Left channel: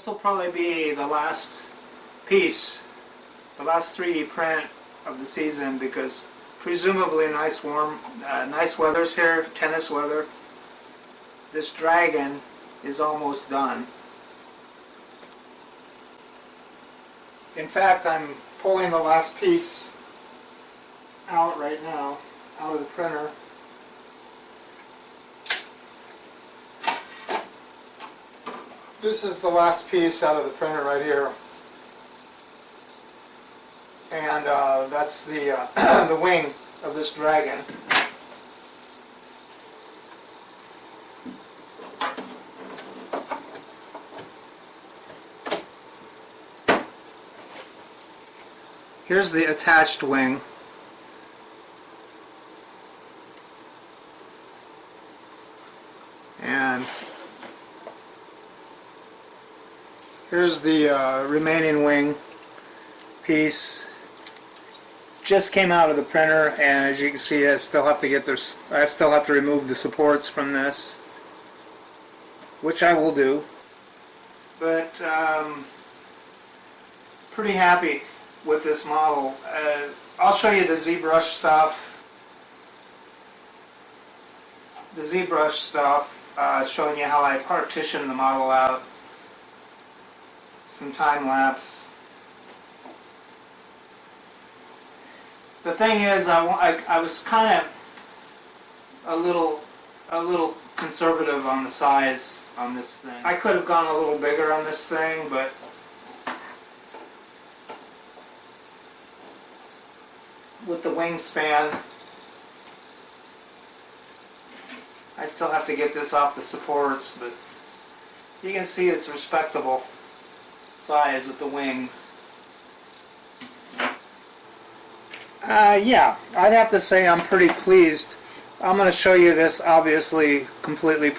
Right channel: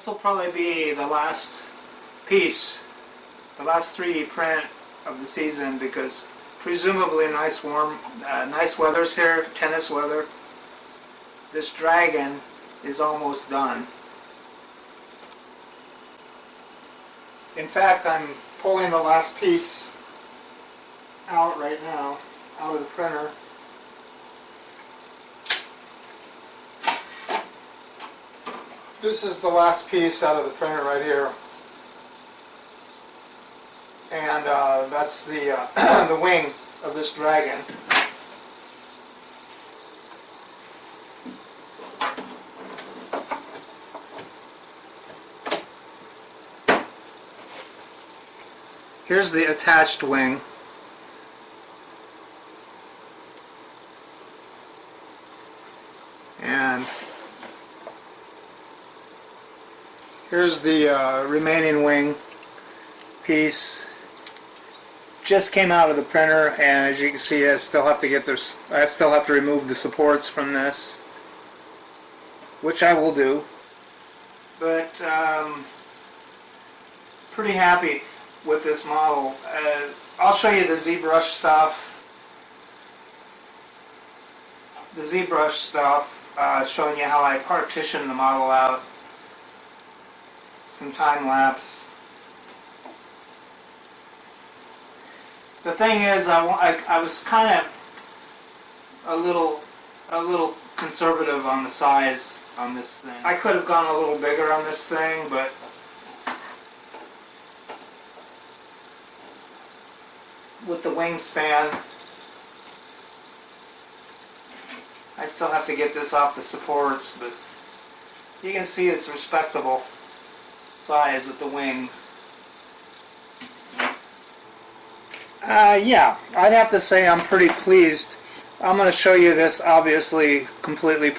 This will probably be the last piece, the last 3D print of the season, because presumably nice weather's here, tennis weather. This dragon is almost done. In fact, I'm pulling the last piece out right now, out of the printer. This is the last piece out of the printer right here. And that's the, the wing of this dragon. Here's the attached wing. And here's the remaining wing piece. Just came out of the printer, and as you can see, I still have to remove the supports from this, which I will do. But pretty happy with this model. I'll show you the ZBrush stuff. The ZBrush stuff, showing you how I partition the model out. Some time lapse. The thing is, I was kind of a little conservative on the size on this thing. I could have gone a little bigger on this thing, but with the wingspan, I still have to get this off the supports, but you can see it's respectable size with the wings. Yeah, I'd have to say I'm pretty pleased. I'm going to show you this obviously completely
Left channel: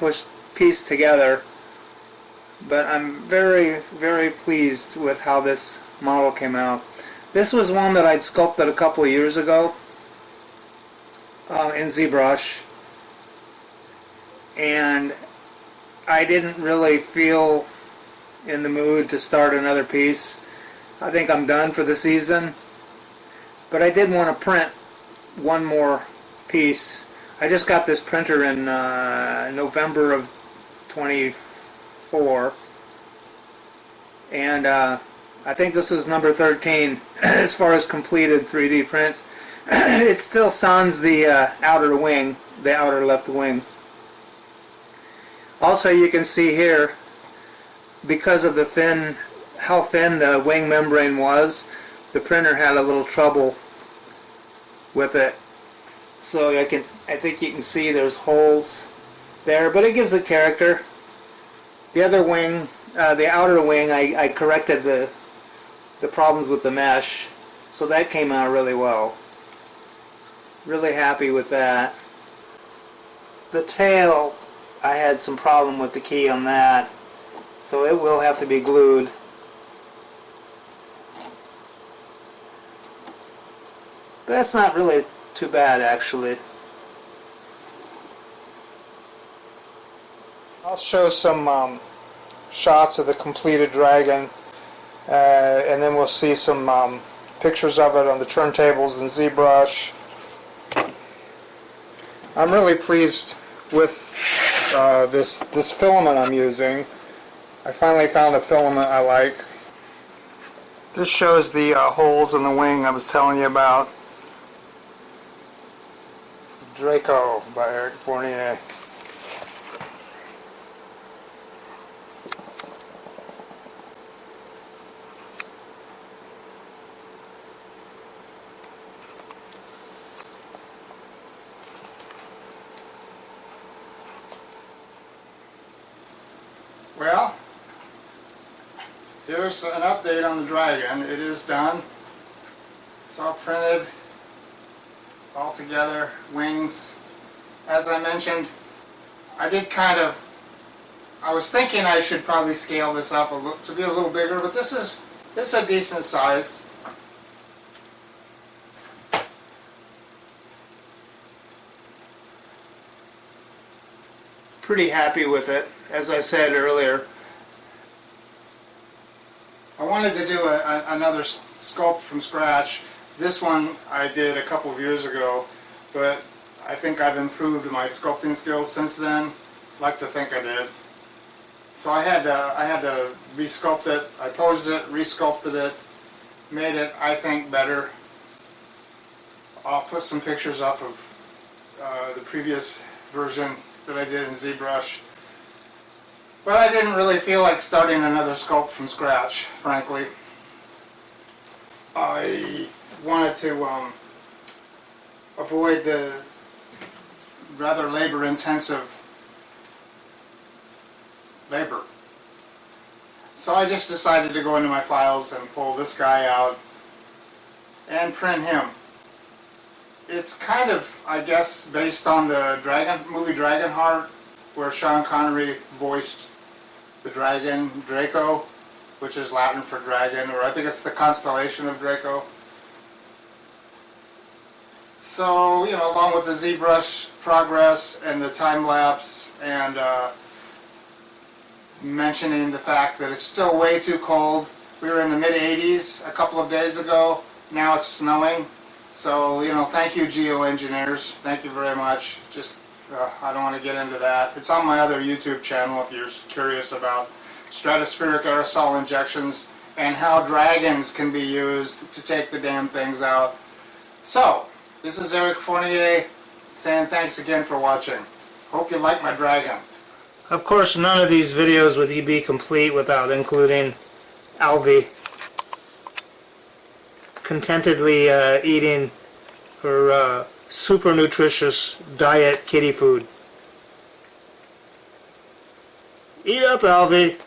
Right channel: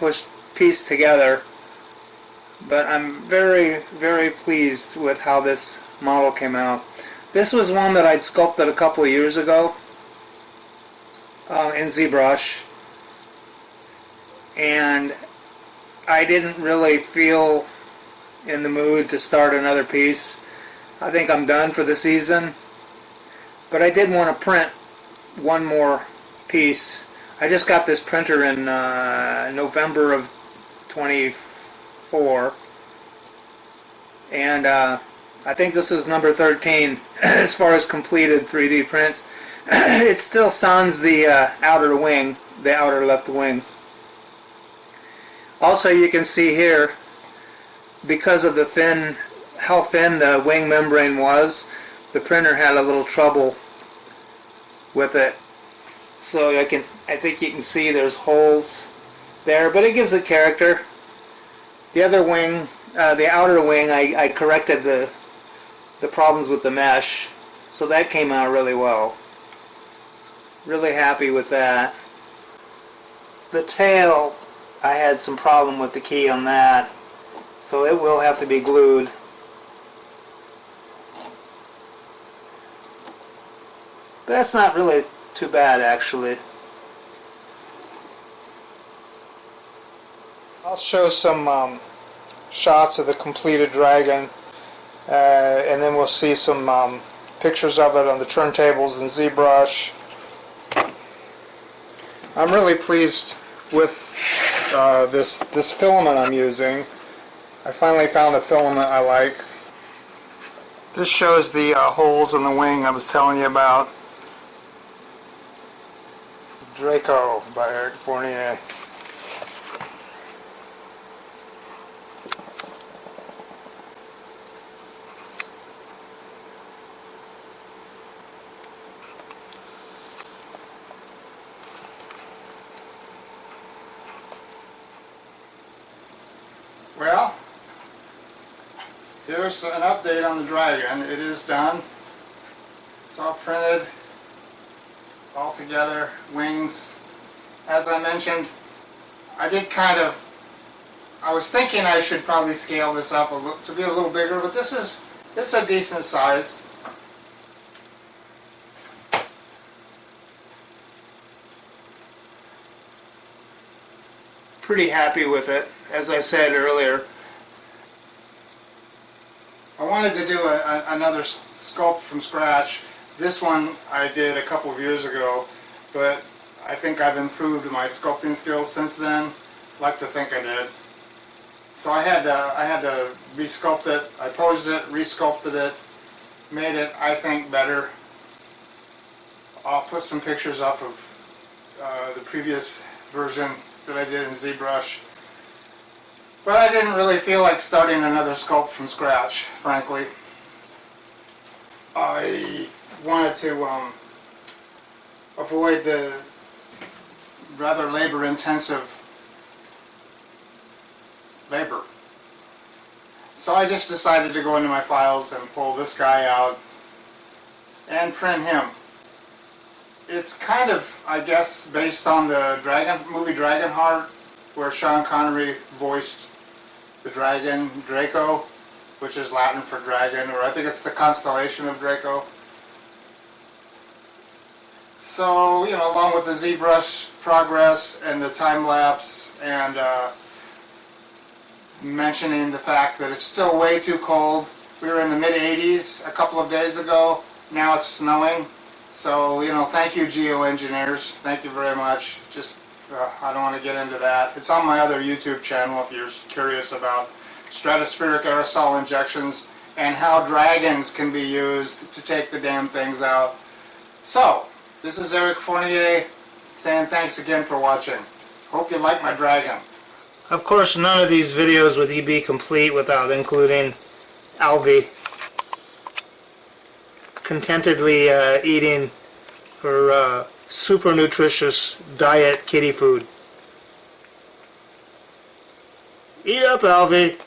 pieced together, but I'm very, very pleased with how this model came out. This was one that I'd sculpted a couple of years ago in ZBrush, and I didn't really feel in the mood to start another piece. I think I'm done for the season. But I did want to print one more piece. I just got this printer in November of 24, and I think this is number 13 as far as completed 3D prints. It still sans the outer wing, the outer left wing. Also, you can see here, because of the how thin the wing membrane was, the printer had a little trouble with it. So I think you can see there's holes there, but it gives it character. The other wing, the outer wing, I corrected the problems with the mesh, so that came out really well. Really happy with that. The tail, I had some problem with the key on that, so it will have to be glued. But that's not really too bad, actually. I'll show some shots of the completed dragon, and then we'll see some pictures of it on the turntables in ZBrush. I'm really pleased with this filament I'm using. I finally found a filament I like. This shows the holes in the wing I was telling you about. Draco by Fournier. Well, here's an update on the dragon. It is done. It's all printed, all together, wings. As I mentioned, I was thinking I should probably scale this up to be a little bigger, but this is a decent size. Pretty happy with it. As I said earlier, wanted to do another sculpt from scratch. This one I did a couple of years ago, but I think I've improved my sculpting skills since then. Like to think I did. So I had to re-sculpt it. I posed it, re-sculpted it, made it, I think, better. I'll put some pictures up of the previous version that I did in ZBrush. But I didn't really feel like starting another sculpt from scratch, frankly. I wanted to avoid the rather labor-intensive labor. So I just decided to go into my files and pull this guy out and print him. It's kind of, I guess, based on the movie Dragonheart, where Sean Connery voiced the dragon Draco, which is Latin for dragon, or I think it's the constellation of Draco. So, you know, along with the ZBrush progress and the time lapse and mentioning the fact that it's still way too cold. We were in the mid-80s a couple of days ago. Now it's snowing. So, you know, thank you, geoengineers. Thank you very much. Just, I don't want to get into that. It's on my other YouTube channel if you're curious about stratospheric aerosol injections and how dragons can be used to take the damn things out. So, this is Eric Fournier saying thanks again for watching. Hope you like my dragon. Of course, none of these videos would be complete without including Alvy contentedly eating her super nutritious diet kitty food. Eat up, Alvy!